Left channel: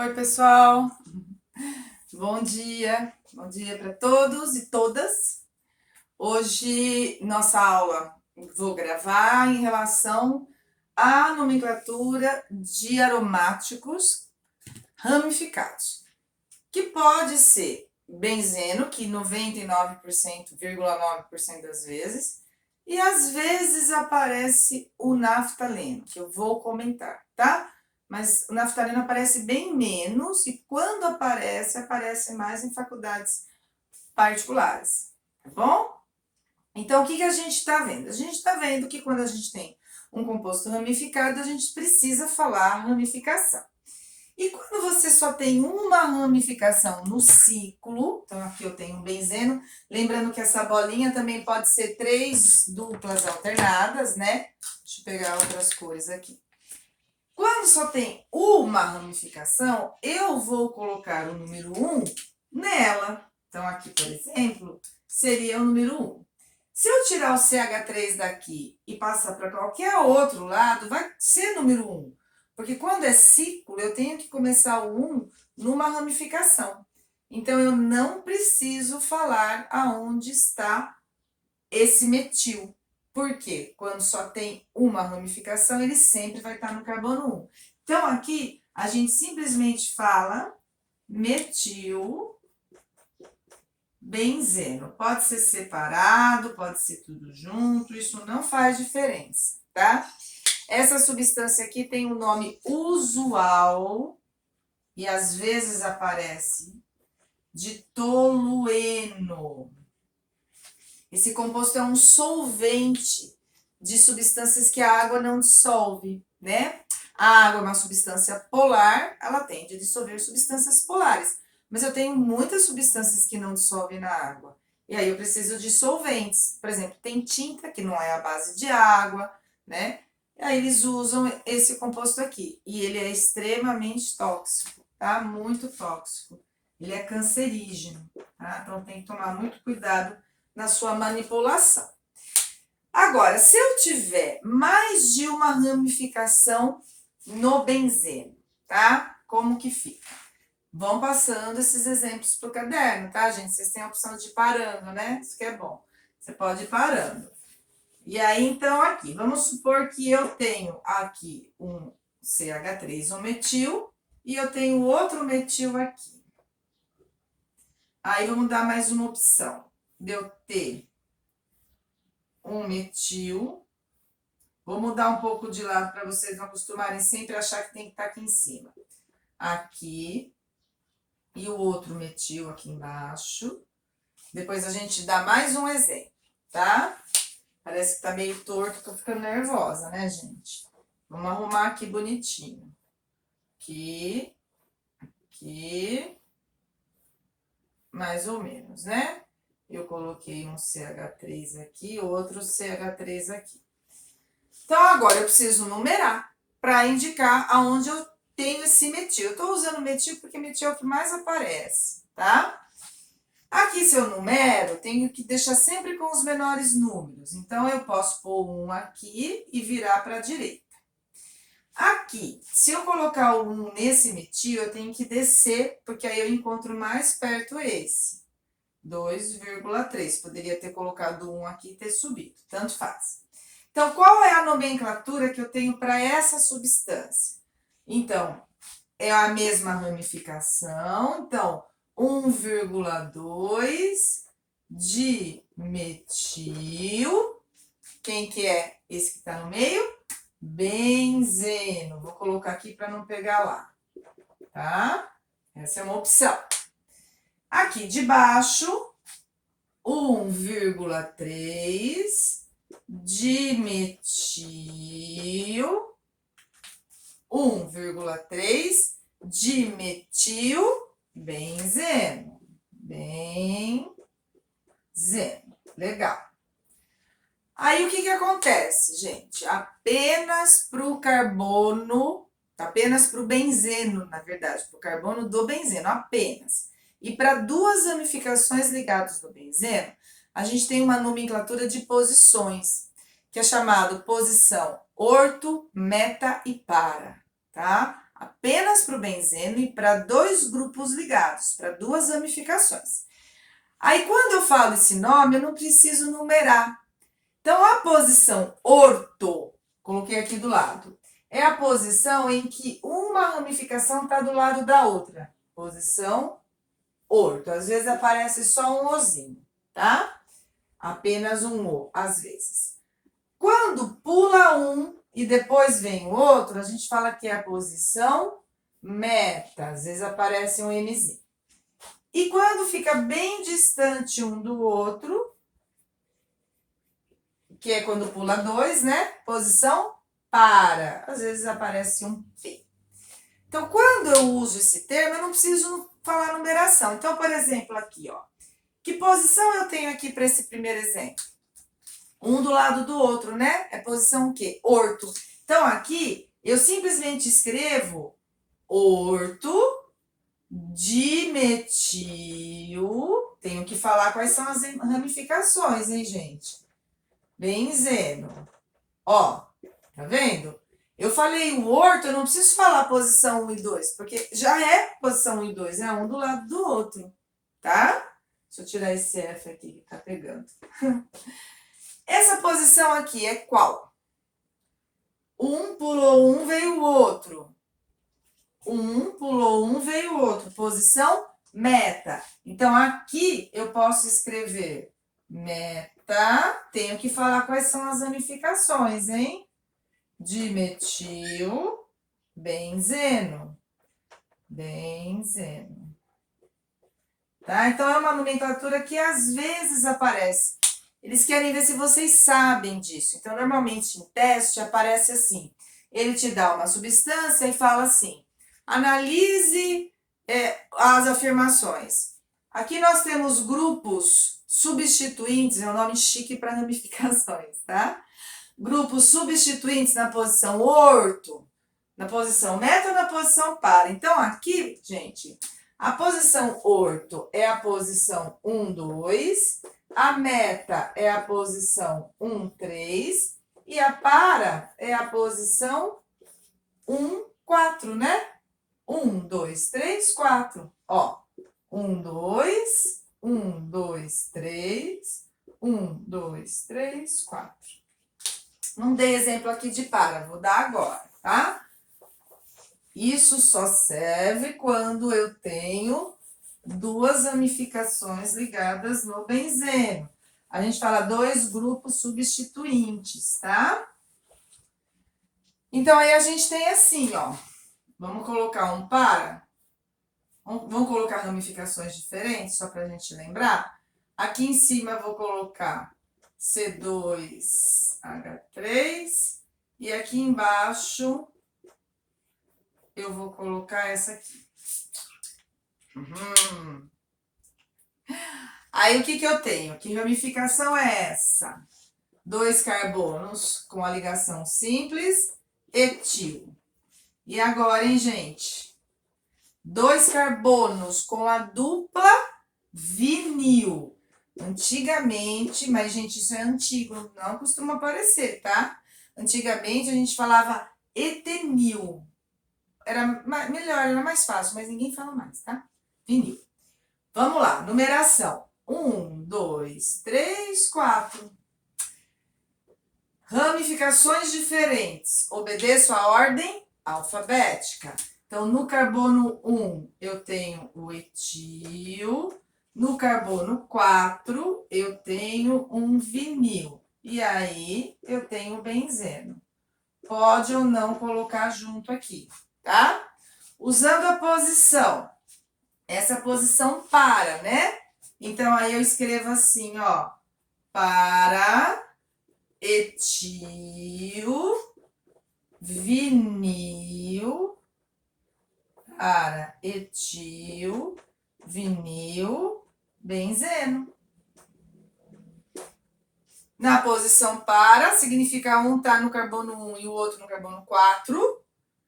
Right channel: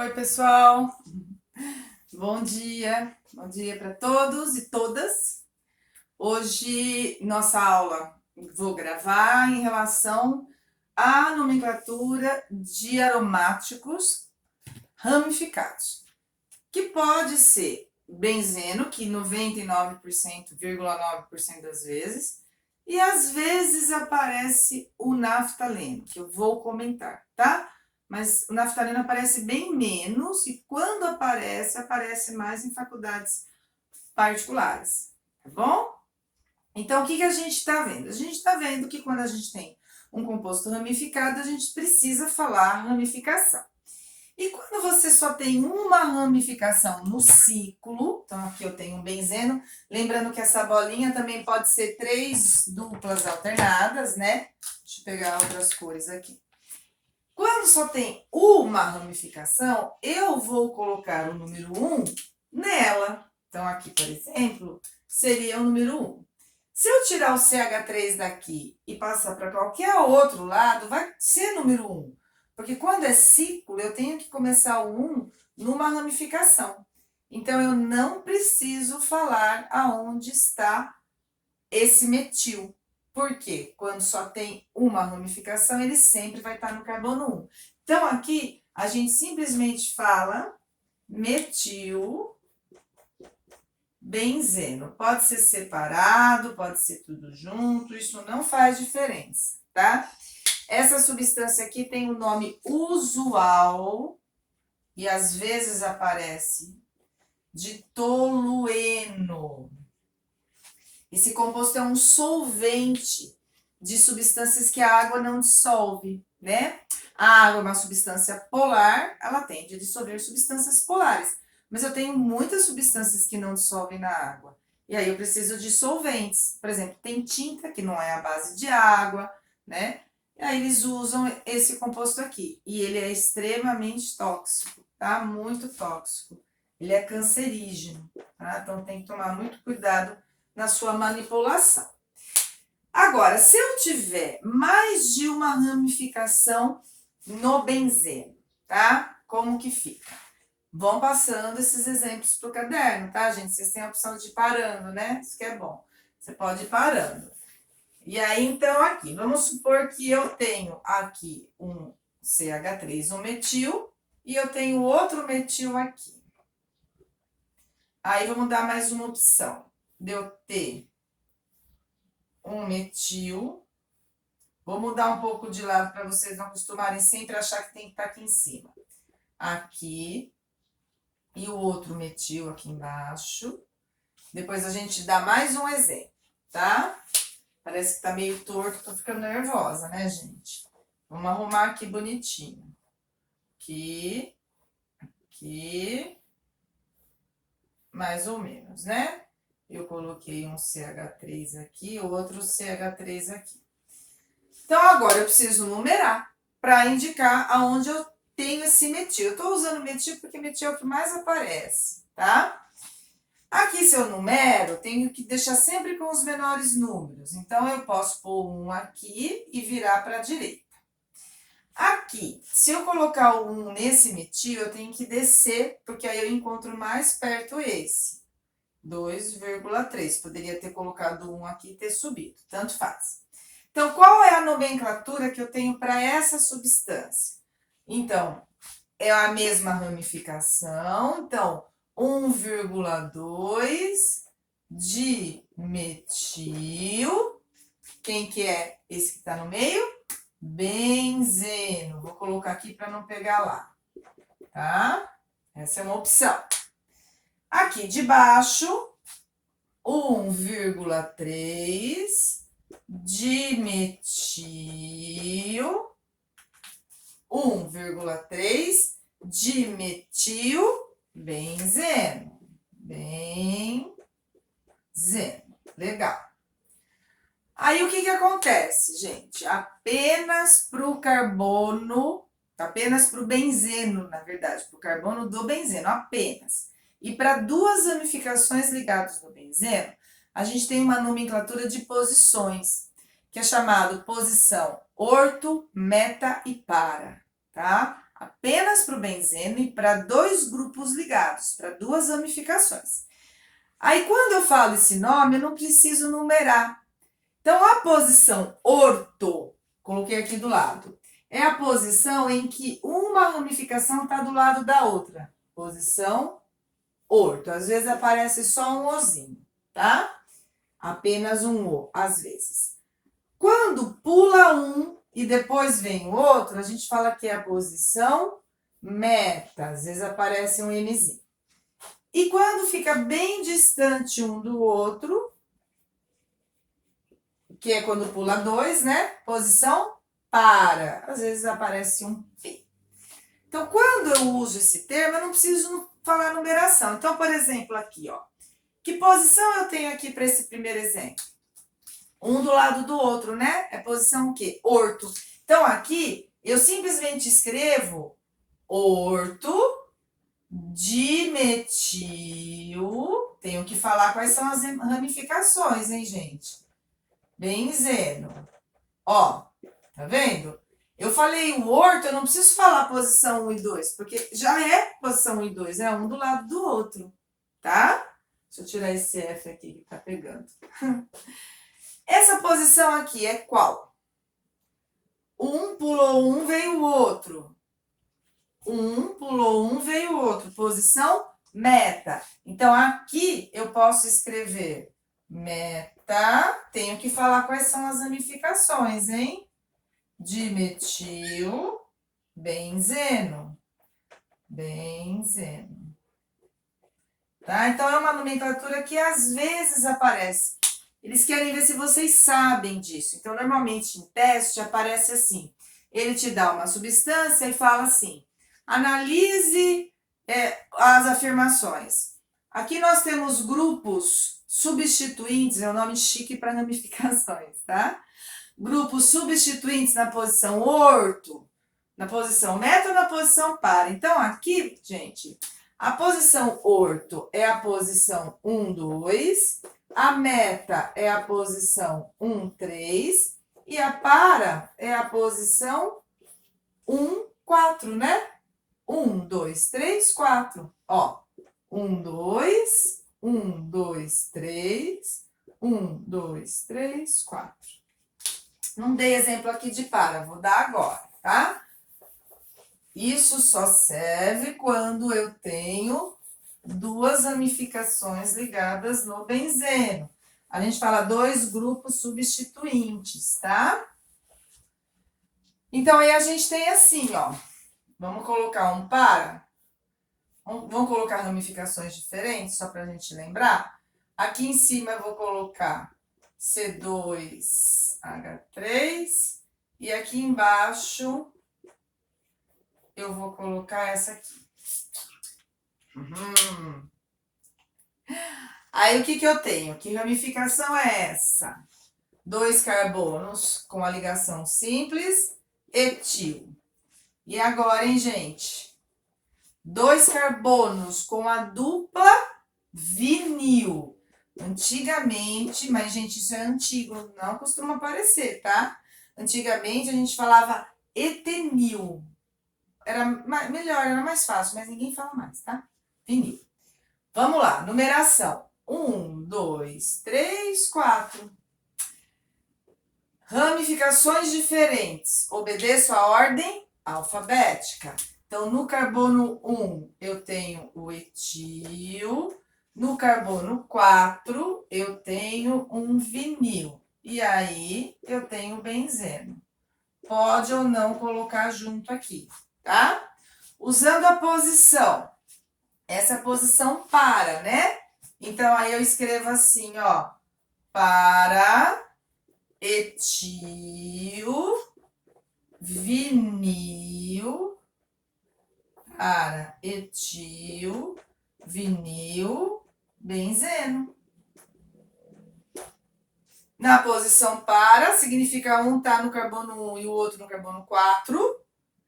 Oi, pessoal. Bom dia para todos e todas. Hoje, nossa aula vou gravar em relação à nomenclatura de aromáticos ramificados, que pode ser benzeno, que 99,9% das vezes, e às vezes aparece o naftaleno, que eu vou comentar, tá? Mas o naftaleno aparece bem menos e quando aparece, aparece mais em faculdades particulares, tá bom? Então, o que a gente está vendo? A gente está vendo que quando a gente tem um composto ramificado, a gente precisa falar ramificação. E quando você só tem uma ramificação no ciclo, então aqui eu tenho um benzeno, lembrando que essa bolinha também pode ser 3 duplas alternadas, né? Deixa eu pegar outras cores aqui. Quando só tem uma ramificação, eu vou colocar o número 1 nela. Então, aqui, por exemplo, seria o número 1. Se eu tirar o CH3 daqui e passar para qualquer outro lado, vai ser número 1. Porque quando é ciclo, eu tenho que começar o 1 numa ramificação. Então, eu não preciso falar aonde está esse metil. Porque quando só tem uma ramificação, ele sempre vai estar no carbono 1. Então, aqui, a gente simplesmente fala metil benzeno. Pode ser separado, pode ser tudo junto, isso não faz diferença, tá? Essa substância aqui tem um nome usual e às vezes aparece de tolueno. Esse composto é um solvente de substâncias que a água não dissolve, né? A água é uma substância polar, ela tende a dissolver substâncias polares. Mas eu tenho muitas substâncias que não dissolvem na água. E aí eu preciso de solventes. Por exemplo, tem tinta que não é a base de água, né? E aí eles usam esse composto aqui. E ele é extremamente tóxico, tá? Muito tóxico. Ele é cancerígeno, tá? Então tem que tomar muito cuidado na sua manipulação. Agora, se eu tiver mais de uma ramificação no benzeno, tá? Como que fica? Vão passando esses exemplos para o caderno, tá, gente? Vocês têm a opção de ir parando, né? Isso que é bom. Você pode ir parando. E aí, então, aqui, vamos supor que eu tenho aqui um CH3, um metil, e eu tenho outro metil aqui. Aí, vamos dar mais uma opção de eu ter um metil. Vou mudar um pouco de lado para vocês não acostumarem sempre a achar que tem que estar aqui em cima. Aqui. E o outro metil aqui embaixo. Depois a gente dá mais um exemplo, tá? Parece que tá meio torto, tô ficando nervosa, né, gente? Vamos arrumar aqui bonitinho. Aqui. Aqui. Mais ou menos, né? Eu coloquei um CH3 aqui, outro CH3 aqui. Então, agora eu preciso numerar para indicar aonde eu tenho esse metil. Eu estou usando metil porque metil é o que mais aparece, tá? Aqui, se eu numero, tenho que deixar sempre com os menores números. Então, eu posso pôr um aqui e virar para a direita. Aqui, se eu colocar o 1 nesse metil, eu tenho que descer, porque aí eu encontro mais perto esse. 2,3. Poderia ter colocado 1 aqui e ter subido, tanto faz. Então, qual é a nomenclatura que eu tenho para essa substância? Então, é a mesma ramificação. Então, 1,2 de metil. Quem que é esse que está no meio? Benzeno. Vou colocar aqui para não pegar lá, tá? Essa é uma opção. Aqui de baixo, 1,3 dimetil, 1,3 dimetil benzeno. Benzeno. Legal. Aí, o que acontece, gente? Apenas para o carbono, apenas para o benzeno, na verdade, para o carbono do benzeno, apenas. E para duas ramificações ligadas no benzeno, a gente tem uma nomenclatura de posições, que é chamado posição orto, meta e para, tá? apenas para o benzeno e para 2 grupos ligados, para 2 ramificações. Aí, quando eu falo esse nome, eu não preciso numerar. Então, a posição orto, coloquei aqui do lado, é a posição em que uma ramificação está do lado da outra. Posição orto. Às vezes aparece só um ozinho, tá? Apenas um o, às vezes. Quando pula um e depois vem o outro, a gente fala que é a posição meta. Às vezes aparece um mzinho. E quando fica bem distante um do outro, que é quando pula 2, né? Posição para. Às vezes aparece um P. Então, quando eu uso esse termo, eu não preciso falar numeração. Então, por exemplo, aqui, ó. Que posição eu tenho aqui para esse primeiro exemplo? Um do lado do outro, né? É posição o quê? Orto. Então, aqui, eu simplesmente escrevo orto dimetil. Tenho que falar quais são as ramificações, hein, gente? Benzeno. Ó, tá vendo? Eu falei o orto, eu não preciso falar posição 1 e 2, porque já é posição 1 e 2, é um do lado do outro, tá? Deixa eu tirar esse F aqui que tá pegando. Essa posição aqui é qual? Um pulou um, veio o outro. Um pulou um, veio o outro. Posição meta. Então, aqui eu posso escrever meta. Tenho que falar quais são as ramificações, hein? Dimetil, benzeno. Benzeno. Tá? Então, é uma nomenclatura que às vezes aparece. Eles querem ver se vocês sabem disso. Então, normalmente em teste aparece assim. Ele te dá uma substância e fala assim: analise as afirmações. Aqui nós temos grupos substituintes, é um nome chique para ramificações, tá? Grupos substituintes na posição orto, na posição meta ou na posição para. Então, aqui, gente, a posição orto é a posição 1, 2, a meta é a posição 1, 3 e a para é a posição 1, 4, né? 1, 2, 3, 4. Ó, 1, 2, 1, 2, 3, 1, 2, 3, 4. Não dei exemplo aqui de para, vou dar agora, tá? Isso só serve quando eu tenho 2 ramificações ligadas no benzeno. A gente fala 2 grupos substituintes, tá? Então, aí a gente tem assim, ó. Vamos colocar um para. Vamos colocar ramificações diferentes, só para a gente lembrar. Aqui em cima eu vou colocar C2H3. E aqui embaixo eu vou colocar essa aqui. Aí, o que eu tenho? Que ramificação é essa? 2 carbonos com a ligação simples, etil. E agora, hein, gente? 2 carbonos com a dupla vinil. Antigamente, mas, gente, isso é antigo, não costuma aparecer, tá? Antigamente, a gente falava etenil. Era melhor, era mais fácil, mas ninguém fala mais, tá? Vinil. Vamos lá, numeração. 1, 2, 3, 4. Ramificações diferentes. Obedeço a ordem alfabética. Então, no carbono 1, eu tenho o etil. No carbono 4, eu tenho um vinil. E aí, eu tenho o benzeno. Pode ou não colocar junto aqui, tá? Usando a posição. Essa posição para, né? Então, aí eu escrevo assim, ó. Para etil, vinil, para etil, vinil, benzeno. Na posição para, significa um tá no carbono 1 e o outro no carbono 4.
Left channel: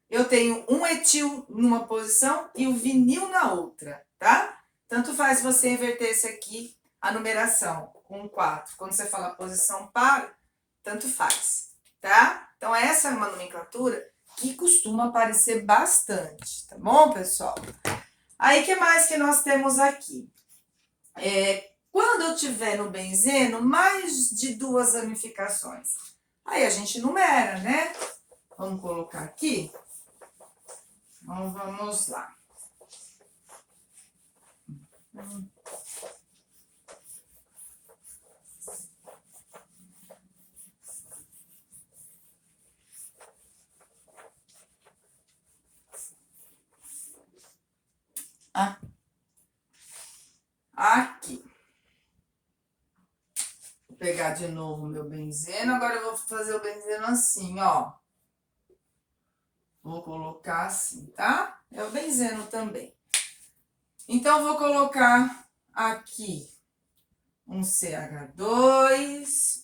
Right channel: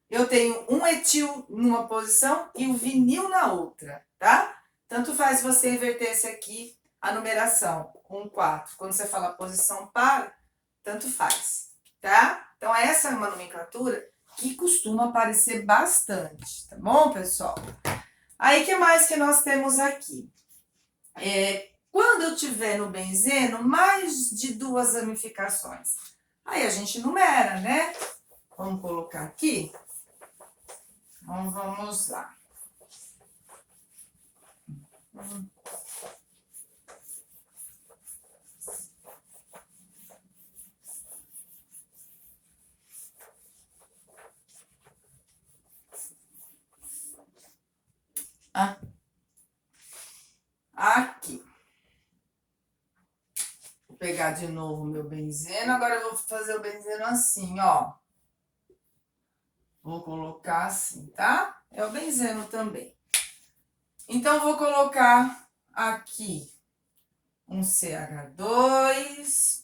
Eu tenho um etil numa posição e o vinil na outra, tá? Tanto faz você inverter esse aqui, a numeração, 1, 4. Quando você fala posição para, tanto faz, tá? Então, essa é uma nomenclatura que costuma aparecer bastante, tá bom, pessoal? Aí, o que mais que nós temos aqui? Quando eu tiver no benzeno mais de 2 ramificações, aí a gente numera, né? Vamos colocar aqui. Então, vamos lá. Aqui. Vou pegar de novo o meu benzeno. Agora eu vou fazer o benzeno assim, ó. Vou colocar assim, tá? É o benzeno também. Então, vou colocar aqui um CH2.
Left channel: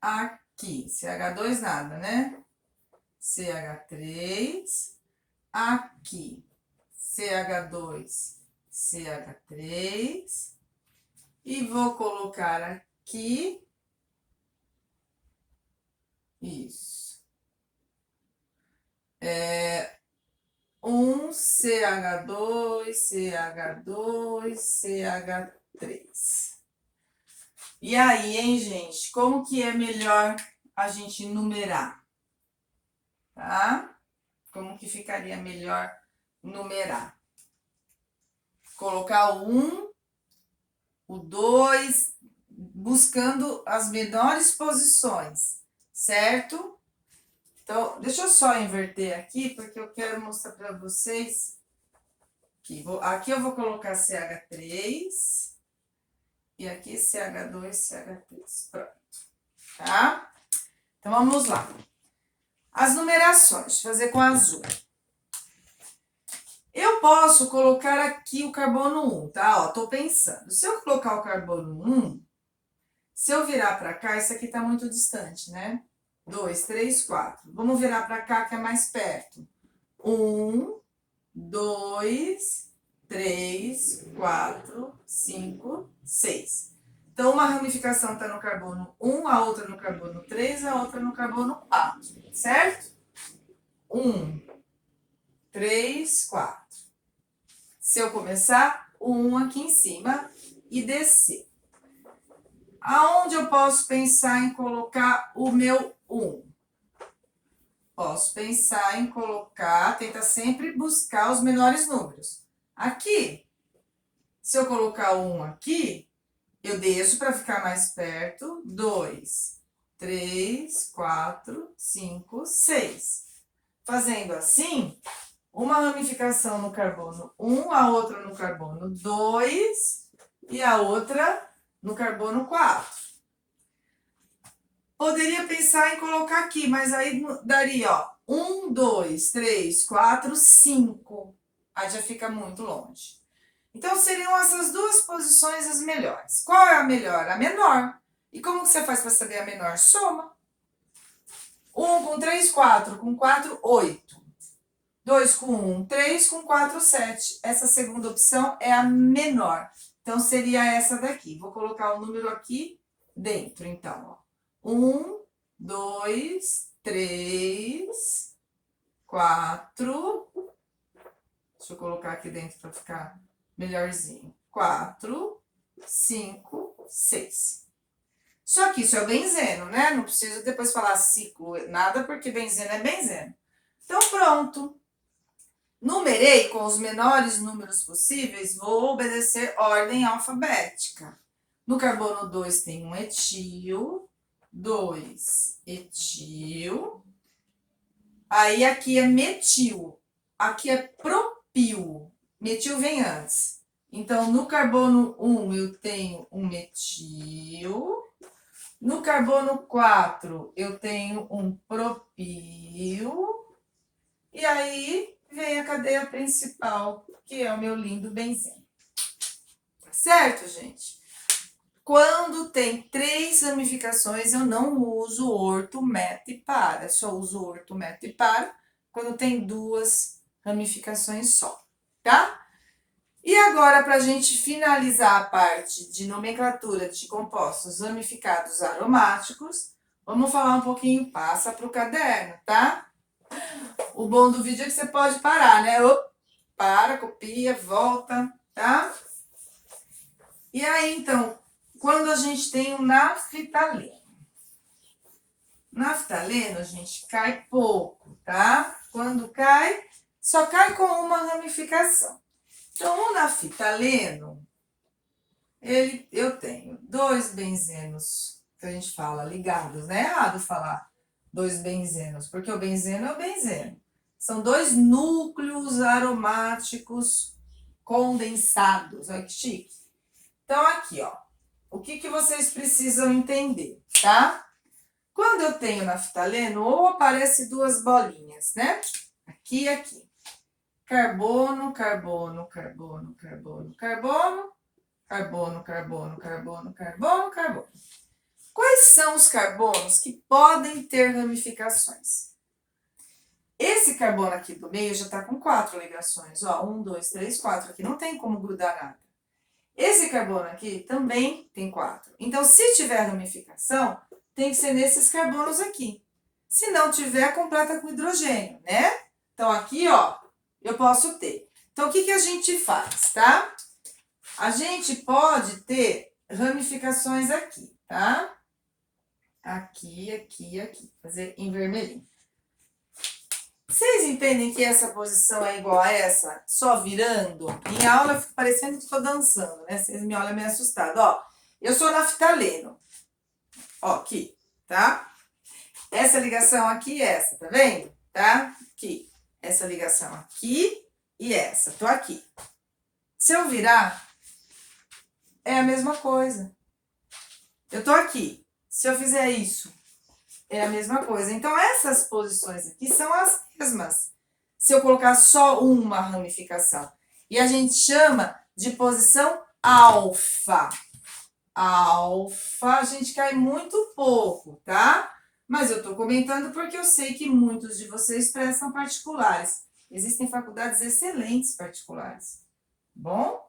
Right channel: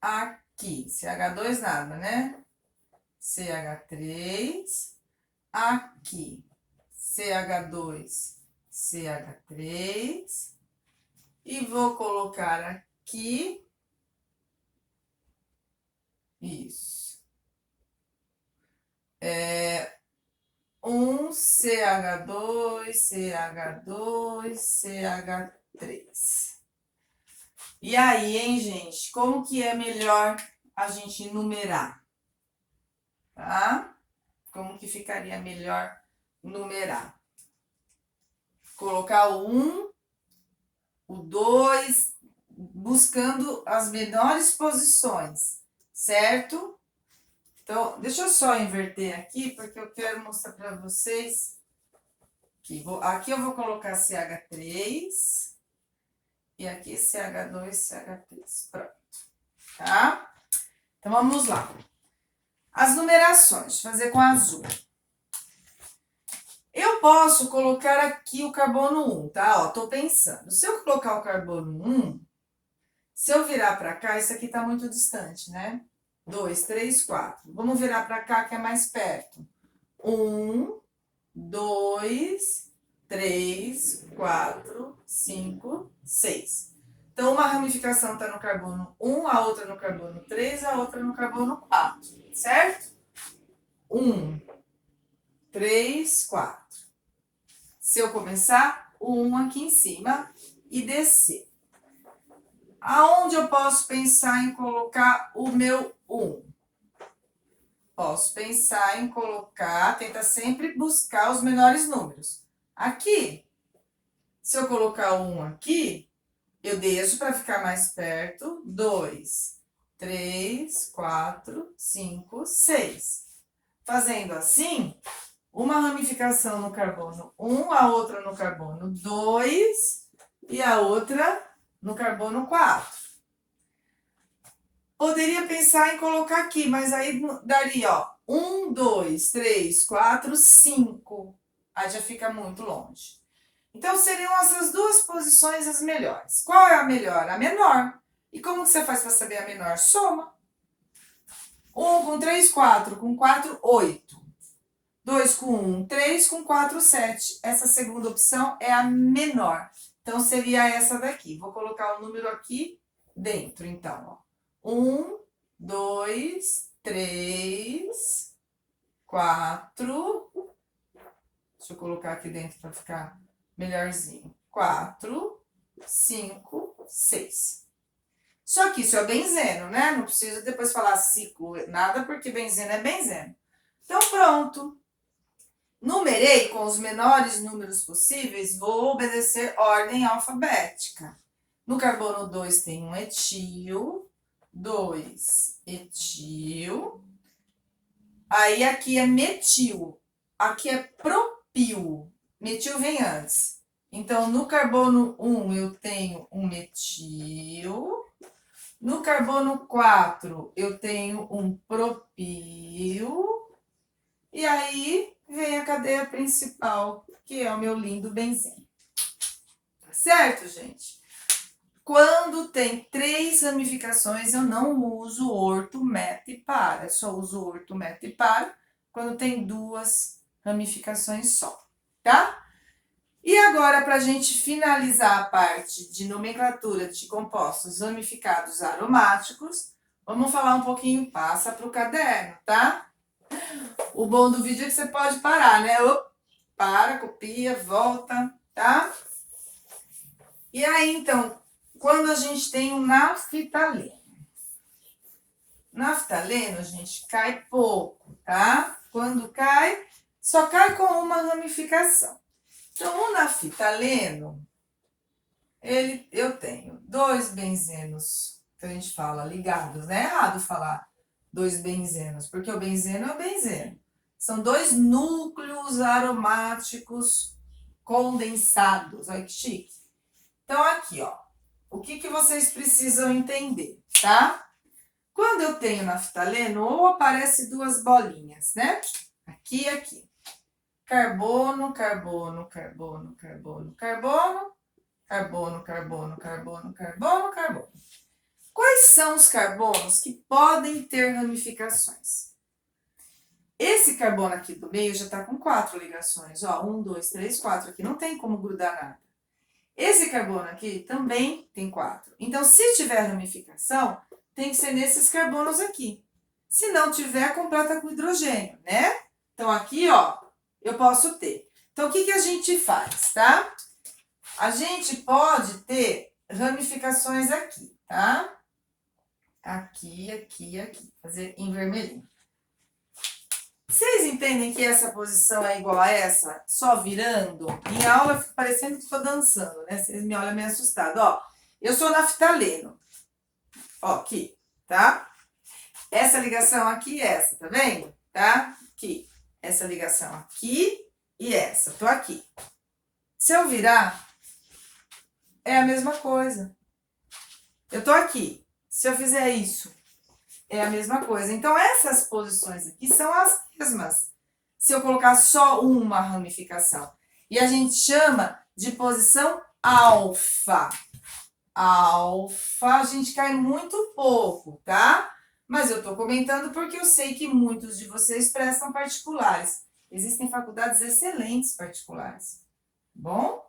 Aqui, CH2 nada, né? CH3. Aqui, CH2, CH3. E vou colocar aqui. Isso. Um CH2, CH2, CH3. E aí, hein, gente? Como que é melhor a gente numerar? Tá? Como que ficaria melhor numerar? Colocar o 1, o 2, buscando as menores posições, certo? Então, deixa eu só inverter aqui, porque eu quero mostrar para vocês. Aqui eu vou colocar CH3 e aqui CH2, CH3. Pronto, tá? Então, vamos lá. As numerações, deixa eu fazer com azul. Eu posso colocar aqui o carbono 1, tá? Ó, tô pensando. Se eu colocar o carbono 1, se eu virar para cá, isso aqui tá muito distante, né? 2, 3, 4. Vamos virar para cá, que é mais perto. 1, 2, 3, 4, 5, 6. Então, uma ramificação está no carbono 1, a outra no carbono 3, a outra no carbono 4, certo? 1, 3, 4. Se eu começar, o 1 aqui em cima e descer. Aonde eu posso pensar em colocar o meu 1? Posso pensar em colocar, tenta sempre buscar os menores números. Aqui, se eu colocar o 1 aqui, eu deixo para ficar mais perto. 2, 3, 4, 5, 6. Fazendo assim, uma ramificação no carbono 1, a outra no carbono 2 e a outra no carbono 4. Poderia pensar em colocar aqui, mas aí daria, ó, 1, 2, 3, 4, 5. Aí já fica muito longe. Então, seriam essas duas posições as melhores. Qual é a melhor? A menor. E como você faz para saber a menor? Soma. 1 com 3, 4. Com 4, 8. 2 com 1, 3 com 4, 7. Essa segunda opção é a menor. Então, seria essa daqui. Vou colocar o número aqui dentro, então, ó. 1, 2, 3, 4. Deixa eu colocar aqui dentro para ficar melhorzinho. 4, 5, 6. Só que isso é o benzeno, né? Não preciso depois falar ciclo, nada, porque benzeno é benzeno. Então, pronto. Numerei com os menores números possíveis, vou obedecer ordem alfabética. No carbono 2 tem um etil, 2 etil. Aí aqui é metil, aqui é propil. Metil vem antes. Então, no carbono 1 eu tenho um metil. No carbono 4 eu tenho um propil. E aí vem a cadeia principal, que é o meu lindo benzeno. Tá certo, gente? Quando tem 3 ramificações, eu não uso orto, meta e para. Só uso orto, meta e para quando tem 2 ramificações só, tá? E agora, para a gente finalizar a parte de nomenclatura de compostos ramificados aromáticos, Vamos falar um pouquinho, passa para o caderno, tá? O bom do vídeo é que você pode parar, né? Para, copia, volta, tá? E aí, então, quando a gente tem um naftaleno. Naftaleno, gente, cai pouco, tá? Quando cai, só cai com uma ramificação. Então, o naftaleno, eu tenho 2 benzenos, que a gente fala ligados, né? É errado falar 2 benzenos, porque o benzeno é o benzeno. São 2 núcleos aromáticos condensados. Olha que chique. Então, aqui, ó. O que vocês precisam entender, tá? Quando eu tenho naftaleno, ou aparece 2 bolinhas, né? Aqui e aqui. Carbono, carbono, carbono, carbono, carbono, carbono, carbono, carbono, carbono, carbono. Quais são os carbonos que podem ter ramificações? Esse carbono aqui do meio já tá com 4 ligações, ó, 1, 2, 3, 4, aqui não tem como grudar nada. Esse carbono aqui também tem 4. Então, se tiver ramificação, tem que ser nesses carbonos aqui. Se não tiver, completa com hidrogênio, né? Então, aqui, ó, eu posso ter. Então, o que a gente faz, tá? A gente pode ter ramificações aqui, tá? Aqui, aqui, aqui. Fazer em vermelhinho. Vocês entendem que essa posição é igual a essa, só virando? Em aula eu fico parecendo que estou dançando, né? Vocês me olham meio assustado. Ó, eu sou naftaleno. Ó, aqui, tá? Essa ligação aqui e essa, tá vendo? Tá? Aqui. Essa ligação aqui e essa. Tô aqui. Se eu virar, é a mesma coisa. Eu tô aqui. Se eu fizer isso, é a mesma coisa. Então, essas posições aqui são as mesmas. Se eu colocar só uma ramificação. E a gente chama de posição alfa. Alfa, a gente cai muito pouco, tá? Mas eu tô comentando porque eu sei que muitos de vocês prestam particulares. Existem faculdades excelentes particulares. Bom?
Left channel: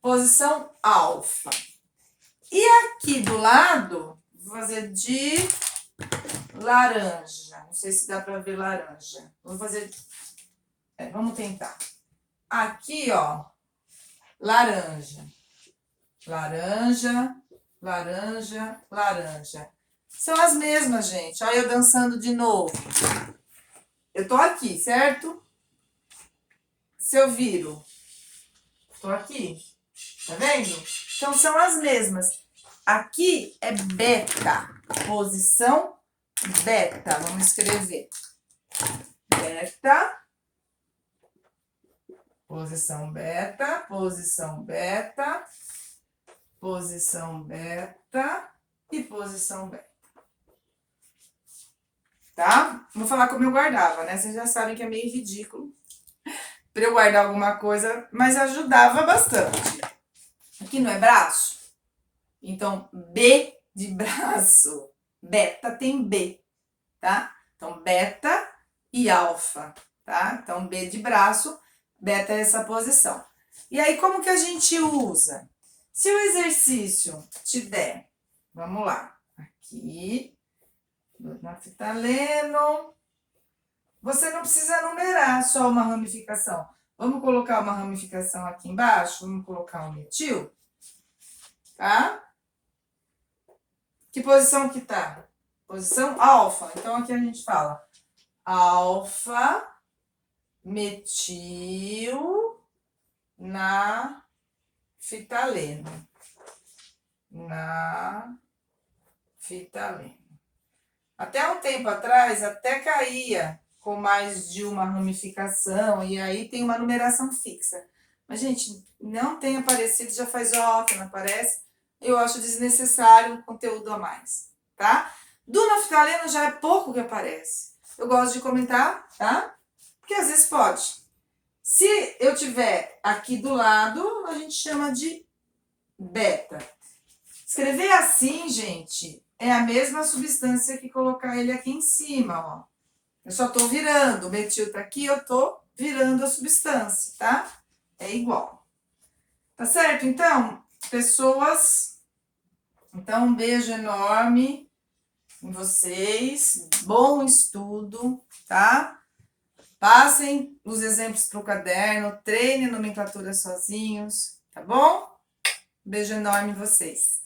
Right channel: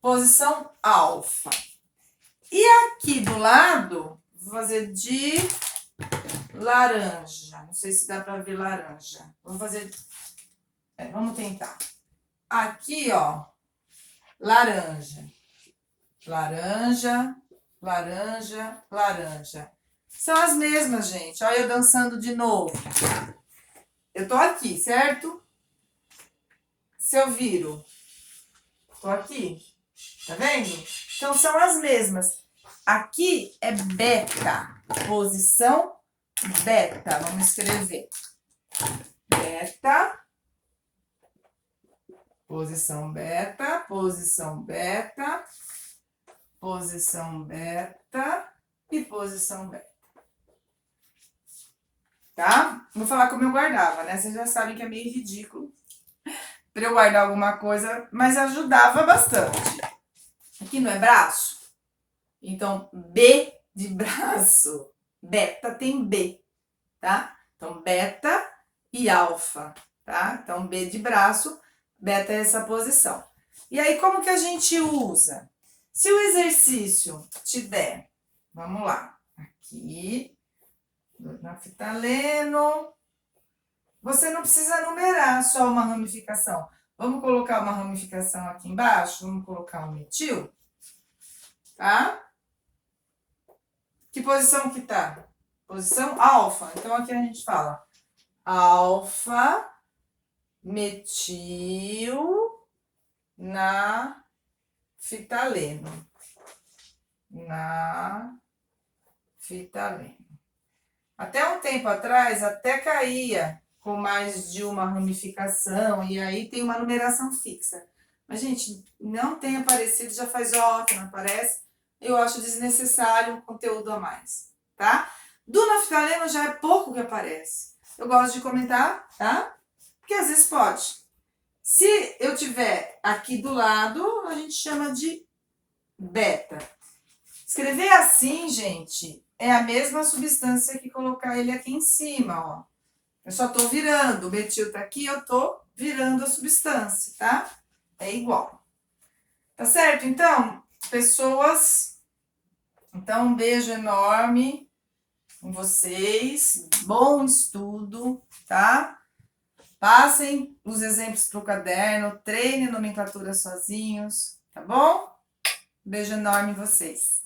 Posição alfa. E aqui do lado, vou fazer de laranja. Não sei se dá para ver laranja. Vou fazer. Vamos tentar. Aqui, ó. Laranja. Laranja, laranja, laranja. São as mesmas, gente. Olha eu dançando de novo. Eu tô aqui, certo? Se eu viro, tô aqui. Tá vendo? Então, são as mesmas. Aqui é beta. Posição beta. Vamos escrever. Beta. Posição beta. Posição beta. Posição beta. E posição beta. Tá? Vou falar como eu guardava, né? Vocês já sabem que é meio ridículo para eu guardar alguma coisa, mas ajudava bastante. Aqui não é braço? Então, B de braço. Beta tem B, tá? Então, beta e alfa, tá? Então, B de braço, beta é essa posição. E aí, como que a gente usa? Se o exercício te der, vamos lá, aqui, naftaleno, você não precisa numerar só uma ramificação. Vamos colocar uma ramificação aqui embaixo, vamos colocar um metil, tá? Que posição que tá? Posição alfa. Então, aqui a gente fala alfa, metil, naftaleno. Naftaleno. Até um tempo atrás, até caía com mais de uma ramificação, e aí tem uma numeração fixa. Mas, gente, não tem aparecido, já faz ó que não aparece. Eu acho desnecessário um conteúdo a mais, tá? Do naftaleno já é pouco que aparece. Eu gosto de comentar, tá? Porque às vezes pode. Se eu tiver aqui do lado, a gente chama de beta. Escrever assim, gente, é a mesma substância que colocar ele aqui em cima, ó. Eu só tô virando, o metil tá aqui, eu tô virando a substância, tá? É igual. Tá certo? Então, pessoas... Então, um beijo enorme. em vocês. Bom estudo, tá? Passem os exemplos para o caderno, treinem nomenclatura sozinhos, tá bom? Beijo enorme em vocês.